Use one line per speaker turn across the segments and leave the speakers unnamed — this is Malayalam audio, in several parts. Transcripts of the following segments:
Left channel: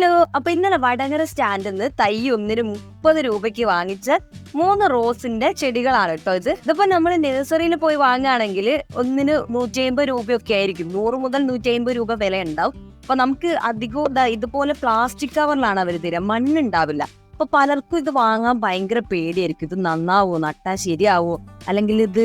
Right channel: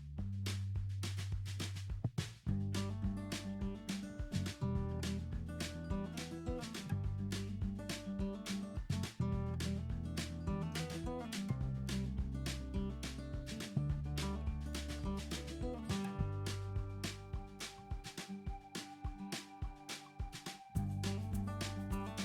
ഹലോ അപ്പൊ ഇന്നലെ വടകര സ്റ്റാൻഡിൽ നിന്ന് തൈ ഒന്നിന് മുപ്പത് രൂപയ്ക്ക് വാങ്ങിച്ച മൂന്ന് റോസിന്റെ ചെടികളാണ് കേട്ടോ ഇത്. ഇതിപ്പോ നമ്മൾ നഴ്സറിയിൽ പോയി വാങ്ങുകയാണെങ്കിൽ ഒന്നിന് നൂറ്റി അമ്പത് രൂപയൊക്കെ ആയിരിക്കും. നൂറ് മുതൽ നൂറ്റി അമ്പത് രൂപ വില ഉണ്ടാവും. അപ്പൊ നമുക്ക് അധികവും ഇതുപോലെ പ്ലാസ്റ്റിക് കവറിലാണ് അവർ തരിക. മണ്ണുണ്ടാവില്ല. അപ്പൊ പലർക്കും ഇത് വാങ്ങാൻ ഭയങ്കര പേടിയായിരിക്കും. ഇത് നന്നാവോ? നട്ടാ ശരിയാവോ? അല്ലെങ്കിൽ ഇത്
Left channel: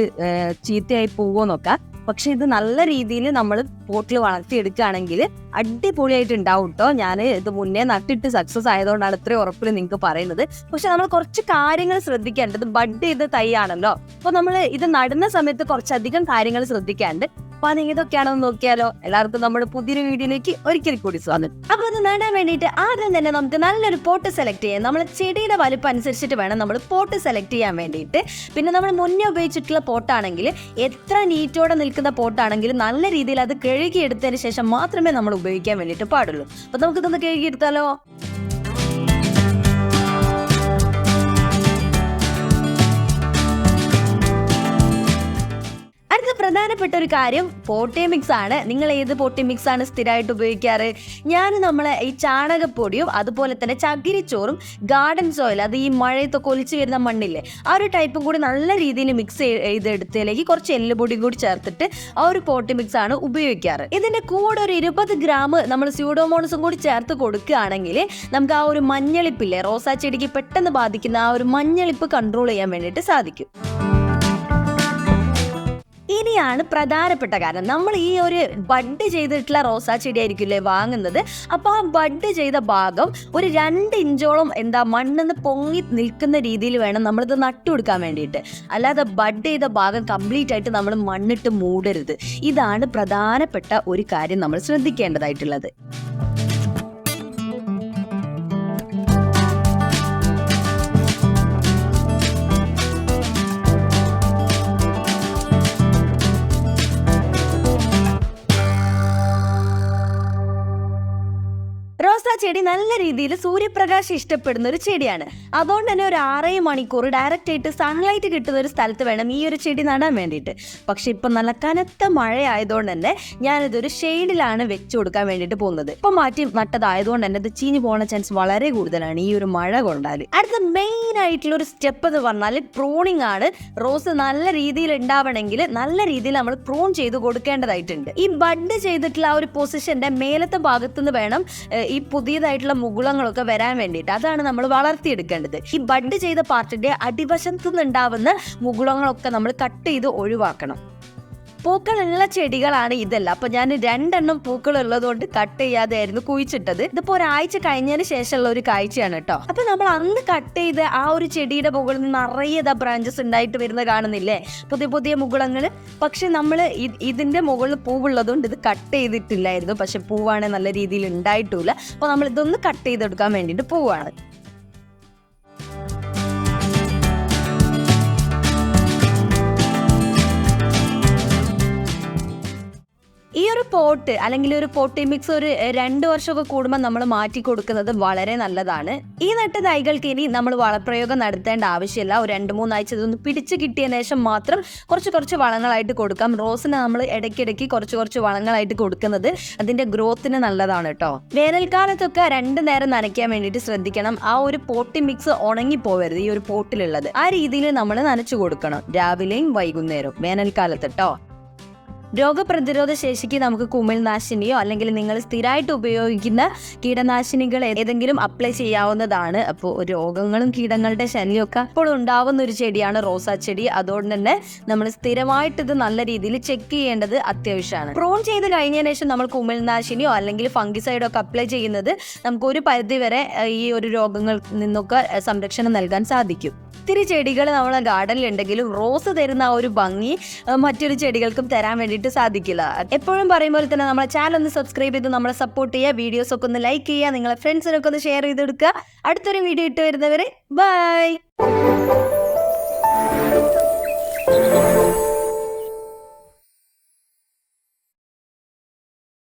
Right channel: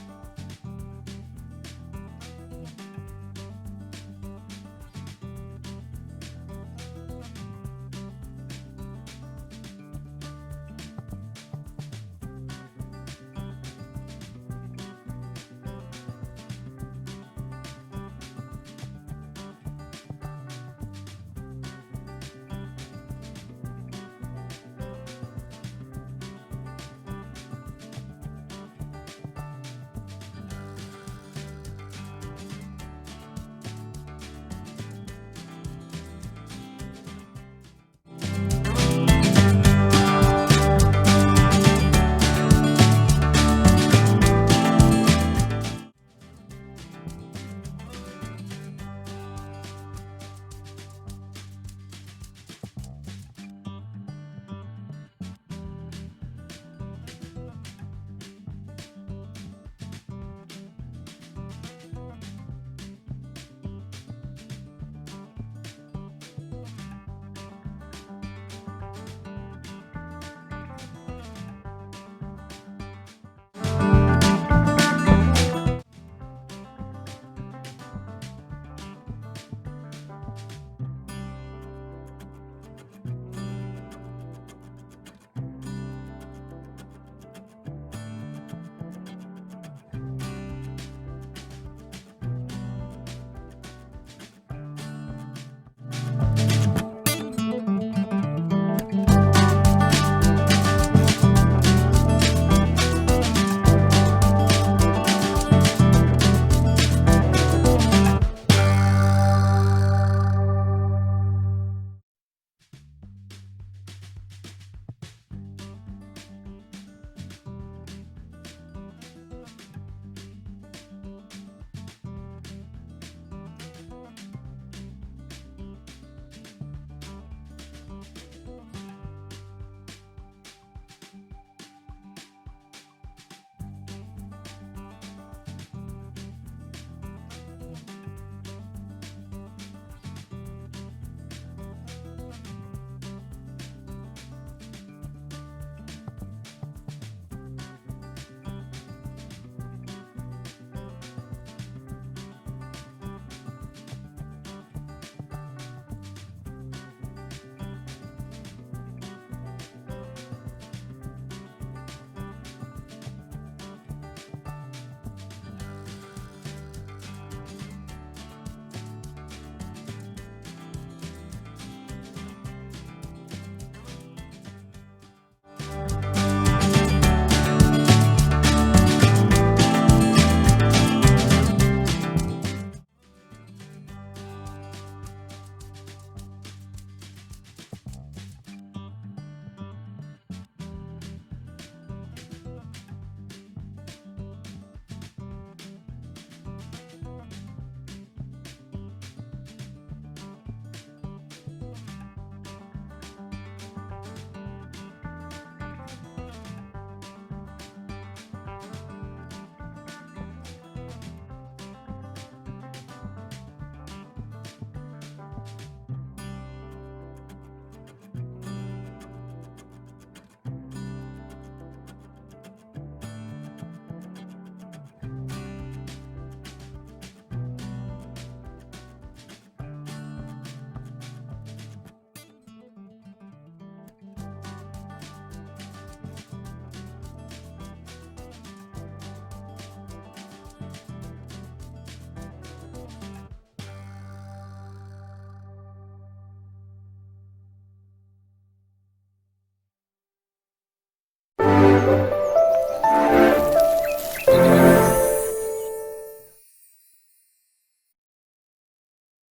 ചീത്തയായി പോവോന്നൊക്കെ. പക്ഷെ ഇത് നല്ല രീതിയിൽ നമ്മൾ പോട്ടിൽ വളർത്തിയെടുക്കുകയാണെങ്കിൽ അടിപൊളിയായിട്ട് ഉണ്ടാവും കേട്ടോ ഞാൻ ഇത് മുന്നേ നട്ടിട്ട് സക്സസ് ആയതുകൊണ്ടാണ് ഇത്രയും ഉറപ്പിൽ നിങ്ങൾക്ക് പറയുന്നത്. പക്ഷെ നമ്മൾ കുറച്ച് കാര്യങ്ങൾ ശ്രദ്ധിക്കേണ്ടത് ബഡ് ചെയ്ത തൈയാണല്ലോ അപ്പൊ നമ്മൾ ഇത് നടുന്ന സമയത്ത് കുറച്ചധികം കാര്യങ്ങൾ ശ്രദ്ധിക്കാണ്ട് അപ്പൊ ഏതൊക്കെയാണെന്ന് നോക്കിയാലോ? എല്ലാവർക്കും നമ്മുടെ പുതിയൊരു വീഡിയോയിലേക്ക് ഒരിക്കൽ കൂടി സ്വാഗതം. അപ്പൊ അത് നേടാൻ വേണ്ടിയിട്ട് ആദ്യം തന്നെ നമുക്ക് നല്ലൊരു പോട്ട് സെലക്ട് ചെയ്യാം. നമ്മൾ ചെടിയുടെ വലുപ്പം അനുസരിച്ചിട്ട് വേണം നമ്മൾ പോട്ട് സെലക്ട് ചെയ്യാൻ വേണ്ടിയിട്ട്. പിന്നെ നമ്മൾ മുന്നേ ഉപയോഗിച്ചിട്ടുള്ള പോട്ടാണെങ്കിൽ എത്ര നീറ്റോടെ നിൽക്കുന്ന പോട്ടാണെങ്കിലും നല്ല രീതിയിൽ അത് കഴുകിയെടുത്തതിന് ശേഷം മാത്രമേ നമ്മൾ ഉപയോഗിക്കാൻ വേണ്ടിയിട്ട് പാടുള്ളൂ. അപ്പൊ നമുക്കിതൊന്ന് കഴുകിയെടുത്താലോ? പ്രധാനപ്പെട്ട ഒരു കാര്യം പോട്ടി മിക്സ് ആണ്. നിങ്ങൾ ഏത് പോട്ടി മിക്സ് ആണ് സ്ഥിരമായിട്ട് ഉപയോഗിക്കാറ്? ഞാൻ നമ്മളെ ഈ ചാണകപ്പൊടിയും അതുപോലെ തന്നെ ചകിരിച്ചോറും ഗാർഡൻ സോയിൽ അത് ഈ മഴയത്തൊക്കെ ഒലിച്ചു വരുന്ന മണ്ണില്ലേ ആ ഒരു ടൈപ്പും കൂടി നല്ല രീതിയിൽ മിക്സ് ചെയ്തെടുത്തതിലേക്ക് കുറച്ച് എല്ലുപൊടിയും കൂടി ചേർത്തിട്ട് ആ ഒരു പോട്ടി മിക്സ് ആണ് ഉപയോഗിക്കാറ്. ഇതിന്റെ കൂടെ ഒരു ഇരുപത് ഗ്രാം നമ്മൾ സ്യൂഡോമോണസും കൂടി ചേർത്ത് കൊടുക്കുകയാണെങ്കിൽ നമുക്ക് ആ ഒരു മഞ്ഞളിപ്പില്ലേ റോസാ ചെടിക്ക് പെട്ടെന്ന് ബാധിക്കുന്ന ആ ഒരു മഞ്ഞളിപ്പ് കൺട്രോൾ ചെയ്യാൻ വേണ്ടിയിട്ട് സാധിക്കും. ഇനിയാണ് പ്രധാനപ്പെട്ട കാരണം. നമ്മൾ ഈ ഒരു ബഡ് ചെയ്തിട്ടുള്ള റോസാ ചെടി ആയിരിക്കില്ലേ വാങ്ങുന്നത്? അപ്പോൾ ആ ബഡ് ചെയ്ത ഭാഗം ഒരു രണ്ട് ഇഞ്ചോളം എന്താ മണ്ണെന്ന് പൊങ്ങി നിൽക്കുന്ന രീതിയിൽ വേണം നമ്മളിത് നട്ടു കൊടുക്കാൻ വേണ്ടിയിട്ട്. അല്ലാതെ ബഡ് ചെയ്ത ഭാഗം കംപ്ലീറ്റ് ആയിട്ട് നമ്മൾ മണ്ണിട്ട് മൂടരുത്. ഇതാണ് പ്രധാനപ്പെട്ട ഒരു കാര്യം നമ്മൾ ശ്രദ്ധിക്കേണ്ടതായിട്ടുള്ളത്. ചെടി നല്ല രീതിയിൽ സൂര്യപ്രകാശം ഇഷ്ടപ്പെടുന്ന ഒരു ചെടിയാണ്. അതുകൊണ്ട് തന്നെ ഒരു ആറേഴ് മണിക്കൂർ ഡയറക്റ്റ് ആയിട്ട് സൺലൈറ്റ് കിട്ടുന്ന ഒരു സ്ഥലത്ത് വേണം ഈ ഒരു ചെടി നടാൻ വേണ്ടിയിട്ട്. പക്ഷെ ഇപ്പൊ നല്ല കനത്ത മഴയായതുകൊണ്ട് തന്നെ ഞാനിതൊരു ഷെയ്ഡിലാണ് വെച്ചു കൊടുക്കാൻ വേണ്ടിയിട്ട് പോകുന്നത്. ഇപ്പൊ മാറ്റി നട്ടതായതുകൊണ്ട് തന്നെ ഇത് ചീഞ്ഞു പോകുന്ന ചാൻസ് വളരെ കൂടുതലാണ് ഈ ഒരു മഴ കൊണ്ടാൽ. അടുത്ത മെയിൻ ആയിട്ടുള്ള ഒരു സ്റ്റെപ്പ് എന്ന് പറഞ്ഞാൽ പ്രോണിങ് ആണ്. റോസ് നല്ല രീതിയിൽ ഉണ്ടാവണമെങ്കിൽ നല്ല രീതിയിൽ നമ്മൾ പ്രോൺ ചെയ്ത് കൊടുക്കേണ്ടതായിട്ടുണ്ട്. ഈ ബഡ് ചെയ്തിട്ടുള്ള ആ ഒരു പൊസിഷന്റെ മേലത്തെ ഭാഗത്തുനിന്ന് വേണം ഈ പുതിയതായിട്ടുള്ള മുകുളങ്ങളൊക്കെ വരാൻ വേണ്ടിയിട്ട് അതാണ് നമ്മൾ വളർത്തിയെടുക്കേണ്ടത്. ഈ ബഡ് ചെയ്ത പാർട്ടിന്റെ അടിവശത്തുനിന്നുണ്ടാവുന്ന മുകുളങ്ങളൊക്കെ നമ്മൾ കട്ട് ചെയ്ത് ഒഴിവാക്കണം. പൂക്കളുള്ള ചെടികളാണ് ഇതെല്ലാം. അപ്പൊ ഞാൻ രണ്ടെണ്ണം പൂക്കൾ ഉള്ളതുകൊണ്ട് കട്ട് ചെയ്യാതെയായിരുന്നു കുഴിച്ചിട്ടത്. ഇതിപ്പോ ഒരാഴ്ച കഴിഞ്ഞതിന് ശേഷമുള്ള ഒരു കാഴ്ചയാണ് കേട്ടോ. അപ്പൊ നമ്മൾ അന്ന് കട്ട് ചെയ്ത് ആ ഒരു ചെടിയുടെ മുകളിൽ നിന്ന് ഇതാ ബ്രാഞ്ചസ് ഉണ്ടായിട്ട് വരുന്ന കാണുന്നില്ലേ? പുതിയ പുതിയ മുകുളങ്ങൾ പക്ഷെ നമ്മൾ ഇതിന്റെ മുകളിൽ പൂവുള്ളതുകൊണ്ട് ഇത് കട്ട് ചെയ്തിട്ടില്ലായിരുന്നു. പക്ഷെ പൂവാണെങ്കിൽ നല്ല രീതിയിൽ ഉണ്ടായിട്ടില്ല. അപ്പൊ നമ്മൾ ഇതൊന്ന് കട്ട് ചെയ്തെടുക്കാൻ വേണ്ടിയിട്ട് പോവാണ്. പോട്ട് അല്ലെങ്കിൽ ഒരു പോട്ടി മിക്സ് ഒരു രണ്ട് വർഷമൊക്കെ കൂടുമ്പോൾ നമ്മൾ മാറ്റി കൊടുക്കുന്നത് വളരെ നല്ലതാണ്. ഈ നട്ട തൈകൾക്ക് ഇനി നമ്മൾ വളപ്രയോഗം നടത്തേണ്ട ആവശ്യമില്ല. ഒരു രണ്ട് മൂന്നാഴ്ച ഇതൊന്ന് പിടിച്ച് കിട്ടിയ ശേഷം മാത്രം കുറച്ച് കുറച്ച് വളങ്ങളായിട്ട് കൊടുക്കാം. റോസിന് നമ്മൾ ഇടയ്ക്കിടയ്ക്ക് കുറച്ച് കുറച്ച് വളങ്ങളായിട്ട് കൊടുക്കുന്നത് അതിന്റെ ഗ്രോത്തിന് നല്ലതാണ് കേട്ടോ വേനൽക്കാലത്തൊക്കെ രണ്ട് നേരം നനയ്ക്കാൻ വേണ്ടിയിട്ട് ശ്രദ്ധിക്കണം. ആ ഒരു പോട്ടി മിക്സ് ഉണങ്ങി പോവരുത് ഈ ഒരു പോട്ടിലുള്ളത്. ആ രീതിയിൽ നമ്മൾ നനച്ചു കൊടുക്കണം. രാവിലെയും വൈകുന്നേരവും വേനൽക്കാലത്ത് കേട്ടോ രോഗപ്രതിരോധ ശേഷിക്ക് നമുക്ക് കുമിൾനാശിനിയോ അല്ലെങ്കിൽ നിങ്ങൾ സ്ഥിരമായിട്ട് ഉപയോഗിക്കുന്ന കീടനാശിനികൾ ഏതെങ്കിലും അപ്ലൈ ചെയ്യാവുന്നതാണ്. അപ്പോൾ രോഗങ്ങളും കീടങ്ങളുടെ ശല്യമൊക്കെ ഇപ്പോൾ ഉണ്ടാവുന്ന ഒരു ചെടിയാണ് റോസാ ചെടി. അതുകൊണ്ട് തന്നെ നമ്മൾ സ്ഥിരമായിട്ട് ഇത് നല്ല രീതിയിൽ ചെക്ക് ചെയ്യേണ്ടത് അത്യാവശ്യമാണ്. പ്രോൺ ചെയ്ത് കഴിഞ്ഞതിന് ശേഷം നമ്മൾ കുമിൾനാശിനിയോ അല്ലെങ്കിൽ ഫംഗിസൈഡോ ഒക്കെ അപ്ലൈ ചെയ്യുന്നത് നമുക്ക് ഒരു പരിധി വരെ ഈ ഒരു രോഗങ്ങളിൽ നിന്നൊക്കെ സംരക്ഷണം നൽകാൻ സാധിക്കും. ഒത്തിരി ചെടികൾ നമ്മളെ ഗാർഡനിൽ ഉണ്ടെങ്കിലും റോസ് തരുന്ന ആ ഒരു ഭംഗി മറ്റൊരു ചെടികൾക്കും തരാൻ വേണ്ടിയിട്ട് സാധിക്കില്ല. എപ്പോഴും പറയും പോലെ തന്നെ നമ്മളെ ചാനൽ ഒന്ന് സബ്സ്ക്രൈബ് ചെയ്ത് നമ്മളെ സപ്പോർട്ട് ചെയ്യുക വീഡിയോസ് ഒക്കെ ഒന്ന് ലൈക്ക് ചെയ്യുക നിങ്ങളെ ഫ്രണ്ട്സിനൊക്കെ ഒന്ന് ഷെയർ ചെയ്ത് കൊടുക്കുക അടുത്തൊരു വീഡിയോ ഇട്ട് വരുന്നവരെ ബൈ